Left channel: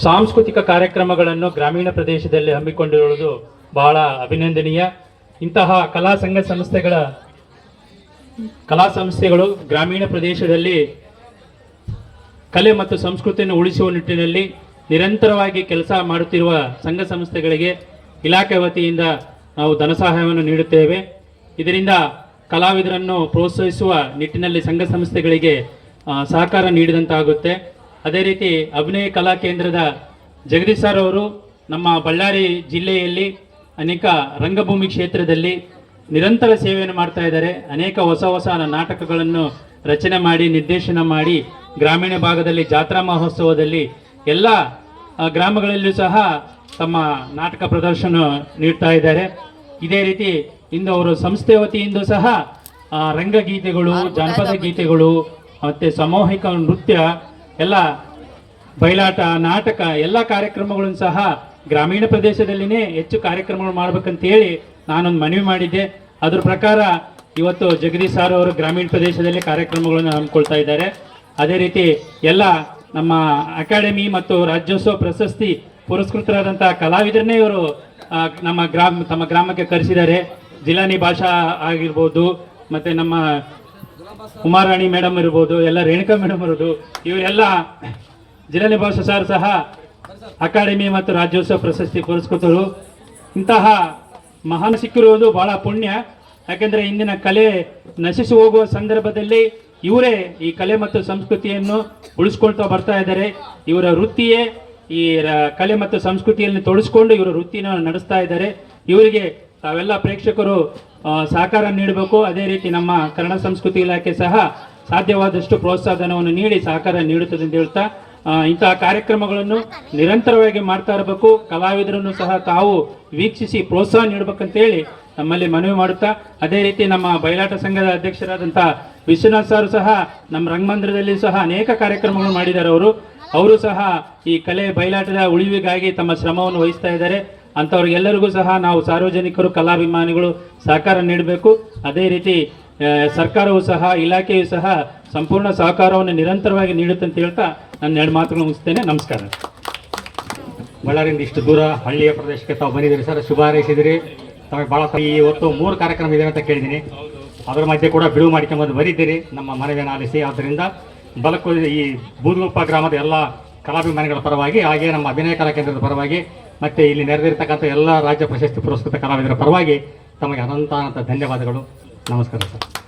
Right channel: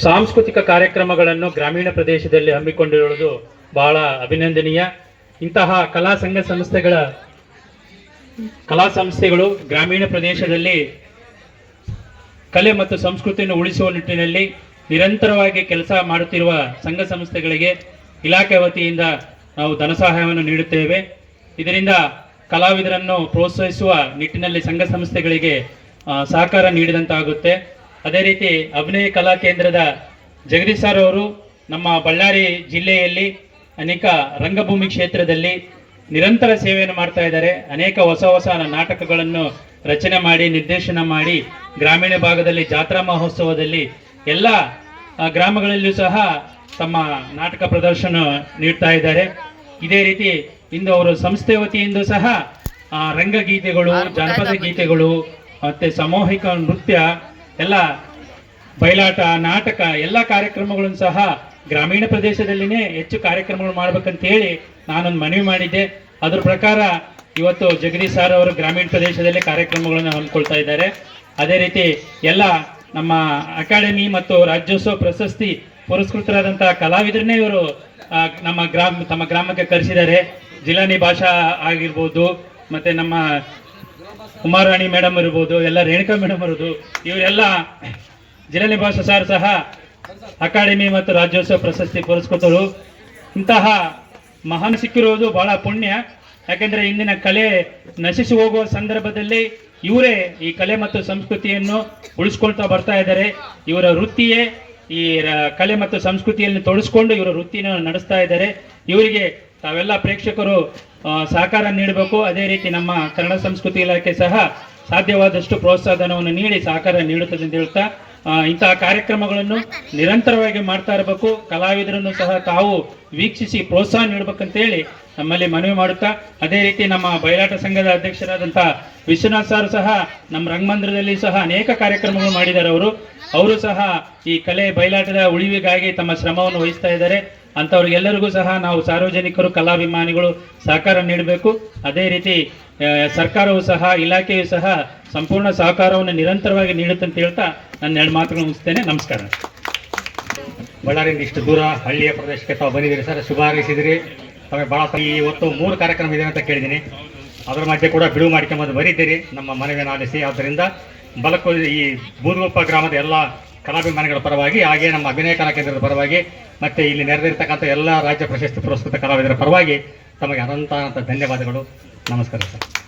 ಸಾಂಸ್ಕೃತಿಕ ಕಾರ್ಯಕ್ರಮಗಳನ್ನು ಗ್ರಾಮೀಣ ಪ್ರದೇಶದಲ್ಲಿ ಹಮ್ಮಿಕೊಂಡಿರುವುದು ಬಹಳ ಅಭಿನಂದನೀಯ. ಇಂತಹ ಕಲಾ ಸಂಸ್ಥೆಗಳು ಗ್ರಾಮೀಣ ಪ್ರದೇಶದಲ್ಲಿ ಕಲೆ ಮತ್ತು ಸಂಸ್ಕೃತಿಯನ್ನು ಉಳಿಸುವ ನಿಟ್ಟಿನಲ್ಲಿ ನಿರಂತರವಾಗಿ ಕೆಲಸ ಮಾಡುತ್ತಿರುವ ಸಂಘ ಸಂಸ್ಥೆಗಳಿಗೆ ಇಲಾಖೆ ವತಿಯಿಂದ ನಾವು ಧನ ಸಹಾಯವನ್ನು ನೀಡುತ್ತೇವೆ. ಇದರಿಂದ ಕಲಾವಿದರನ್ನು ಪ್ರೋತ್ಸಾಹಿಸುವ ನಿಟ್ಟಿನಲ್ಲಿ ಸಂಘ ಸಂಸ್ಥೆಗಳಿಗೆ ಸಹಕಾರ ನೀಡಿದಂತಾಗುತ್ತೆ. ಅದೇ ರೀತಿ ಅಭಿನಯ ಕಲಾ ಕೇಂದ್ರದ ಜಗದೀಶ್ ಸರ್ ಅವರು ನಮ್ಮ ಬಳ್ಳಾರಿ ಜಿಲ್ಲೆಯಲ್ಲಿ ಅನೇಕ ರಂಗಭೂಮಿ ಕ್ಷೇತ್ರದಲ್ಲಿ ನಿರಂತರ ಸೇವೆಯನ್ನು ಮಾಡ್ತಾ ಇದ್ದಾರೆ. ಅನೇಕ ಹೊಸ ನಾಟಕಗಳನ್ನು ರಚನೆ ಮಾಡಿ ನಿರ್ದೇಶನ ಮಾಡಿ ಗ್ರಾಮೀಣ ಭಾಗದಲ್ಲಿ ಜಾತ್ರಾ ಮಹೋತ್ಸವದಲ್ಲಿ ಎಲ್ಲ ಗ್ರಾಮಗಳಲ್ಲೂ ಸಹ ತಮ್ಮ ನಾಟಕ ಪ್ರದರ್ಶನ ನೀಡ್ತಾ ಇದ್ದಾರೆ. ಇದೇ ರೀತಿ ಇಂದು ಅವರು ಸಂಸ್ಥೆ ವತಿಯಿಂದ ಸಹ ರಂಗಗೀತೆಗಳು, ಜಾನಪದ ಗೀತೆಗಳು ಮತ್ತು ಸಾಮೂಹಿಕ ನೃತ್ಯ ಎಲ್ಲ ಬಯಲಾಟ, ನಾಟಕ ಎಲ್ಲ ಕಾರ್ಯಕ್ರಮಗಳನ್ನು ಸಹ ಗ್ರಾಮೀಣ ಪ್ರದೇಶದಲ್ಲಿನೇ ಹೆಚ್ಚು ಕಾರ್ಯಕ್ರಮಗಳು ಮಾಡ್ಬೇಕಂತೇಳಿ ನಾನೊಂದು ಮನವಿ ಮಾಡಿದ್ದೆ. ಅದ್ರ ಪ್ರಕಾರ ಇವತ್ತು ಜಗದೀಶ್ ಸರ್ ಅವರು ಗ್ರಾಮೀಣ ಪ್ರದೇಶದಲ್ಲಿ ಕಾರ್ಯಕ್ರಮಗಳನ್ನು ಹಮ್ಮಿಕೊಳ್ತಾ ಇದ್ದಾರೆ. ಅದೇ ರೀತಿ ಎಲ್ಲ ನಮ್ಮ ಅಕಾಡೆಮಿ ಮತ್ತು ರಾಜ್ಯೋತ್ಸವ ಪ್ರಶಸ್ತಿ ಪುರಸ್ಕೃತರಾದಂಥ ಕಲಾವಿದರನ್ನೇ ಇವರು ತಮ್ಮ ಗ್ರಾಮಕ್ಕೆ ಕರೆಸಿದ್ದಾರೆ. ಜಿಲಾನಿ ಭಾಷಾ ಆಗಿರ್ಬೋದು, ಮತ್ತು ನಮ್ಮ ಉಮಾರಾಣಿ ಮೇಡಮ್ ಇರ್ಬೋದು, ಎಲ್ಲ ರೇಣುಕಾ ಮೇಡಮ್ ಇರ್ಬೋದು, ಇವರೆಲ್ಲ ಜಿಲಾನಿ ಭಾಷಾ ಸರ್ ಸಹ ಅಕಾಡೆಮಿ ಮತ್ತು ರಾಜ್ಯೋತ್ಸವ ಪ್ರಶಸ್ತಿ ಪುರಸ್ಕೃತರು. ಇಂತಹ ಮಹಾನ್ ಸಿಕ್ಕಿರುವುದು ಬಹಳ ಪುಣ್ಯ. ಯಾಕೆಂದರೆ ಇಂದಿನ ಕಲೆ ನಶಿಸಿ ಹೋಗುವ ಸಂದರ್ಭದಲ್ಲಿ ಇವರೇ ಈ ಕಲೆ ಮತ್ತು ಸಂಸ್ಕೃತಿಯನ್ನು ಉಳಿಸ್ಕೊಳ್ತಾ ಬರ್ತಾ ಇದ್ದಾರೆ. ಇವರ ವೃತ್ತಿಯೇ ಈ ಕಲೆ ಮತ್ತು ಸಂಸ್ಕೃತಿಯಲ್ಲಿ ತೊಡಸ್ಕೊಂಡು ಇವರ ವೃತ್ತಿಯನ್ನು ನಡೆಸ್ತಾ ಇದ್ದಾರೆ. ಇವರಿಗೆ ತಾವೆಲ್ಲ ಪ್ರೇಕ್ಷಕರು ಸಹಕಾರ ನೀಡಬೇಕು. ಅದೇ ರೀತಿ ನಮ್ಮ ಕನ್ನಡ ಸಂಸ್ಕೃತಿ ಇಲಾಖೆ ಸಹ ಸಾಧ್ಯವಾದಷ್ಟು ಪ್ರೋತ್ಸಾಹಧನವನ್ನು ನೀಡಿ ಸಹಕಾರ ನೀಡುತ್ತದೆ ಅಂತ ಹೇಳ್ತಾ ಇಂತಹ ಕಾರ್ಯಕ್ರಮಗಳನ್ನು ನಿರಂತರವಾಗಿ ಮಾಡ್ತಾ ಇರಬೇಕು. ಕಲಾವಿದರನ್ನು ಸಹ ತಾವು ವೀಕ್ಷಿಸಿ ಪ್ರೋತ್ಸಾಹ ನೀಡಬೇಕಂತೇಳಿ ನಮ್ಮಲ್ಲಿ ಮನವಿ ಮಾಡುತ್ತಾ, ಅದೇ ರೀತಿ ನಮ್ಮ ಬಯಲಾಟ ಸಂಘದ ಅಧ್ಯಕ್ಷರಾದಂಥ ವಿಶ್ವನಾಥ್ ಸರ್ ಸಹ ನಮ್ಮ ರಂಗಮಂದಿರದಲ್ಲಿ ಸಹ ಅನೇಕ ಕಾರ್ಯಕ್ರಮಗಳು ಮಾಡಿದ್ದಾರೆ. ಅವರು ಸಹ ಈ ಕಲೆ ಬಯಲಾಟದ ಉಳಿವಿಗಾಗಿ ತಮ್ಮ ಶ್ರಮವನ್ನು ವಹಿಸ್ತಾ ಇದ್ದಾರೆ. ಅಂಥವ್ರಿಗೆಲ್ಲರಿಗೂ ಸಹ ನಾವು ಸಾರ್ವಜನಿಕರು, ಕಲಾಭಿಮಾನಿಗಳು ಸಹಕಾರ ನೀಡಬೇಕು. ಅದೇ ರೀತಿ ಸರ್ಕಾರವು ಸಹ, ಇಲಾಖೆಯು ಸಹ ಸಂಪೂರ್ಣ ಸಹಕಾರವನ್ನು ನಿರಂತರವಾಗಿ ನೀಡುತ್ತೆ ಅಂತ ಹೇಳ್ತಾ ನನ್ನ 2 ಮಾತುಗಳು ಮುಗಿಸ್ತೇನೆ. ನಮಸ್ಕಾರ. ಬಳ್ಳಾರಿಯಿಂದ ಇಷ್ಟು ದೂರ ಹಳ್ಳಿಯ ಪ್ರದೇಶಕ್ಕೆ ತಾವು ಬಂದಿದ್ದೀರಿ ಸರ್, ಶುಭ ಹಾರೈಸಿದಿರಿ. ತಾವು ಭಾಳ ಇವತ್ತು 3 ಕಾರ್ಯಕ್ರಮ ಇದೆ ಅಂತ ಕೇಳಿದ್ದೀನಿ. ಅದರ ಮಧ್ಯೆ ಕೂಡ ಬಿಡುವು ಮಾಡ್ಕೊಂಬಂದು ಬರೀತೀರಿ ನಮ್ಮ ಮನವಿಯನ್ನು ಆಲಿಸಿ. ಆದ್ದರಿಂದ ಈ ಬೂದಗುಪ್ಪ ಗ್ರಾಮದ ಎಲ್ಲ ಕಲಾಭಿಮಾನಿಗಳ ಪರವಾಗಿ, ಹಾಗೆ ನಮ್ಮ ಅಭಿನಯ ಕಲಾ ಕೇಂದ್ರದ ಪರವಾಗಿ ಮತ್ತು ಇಲ್ಲಿ ನೆರೆದಿರ್ತಕ್ಕಂಥ ಎಲ್ಲ ರಾಜ್ಯ ಪ್ರಶಸ್ತಿ ಪುರಸ್ಕೃತ ಕಲಾವಿದರ ಪರವಾಗಿ ತಮಗೆ ಅನಂತ ಧನ್ಯವಾದಗಳು. ನಮಸ್ಕಾರ ಸರ್.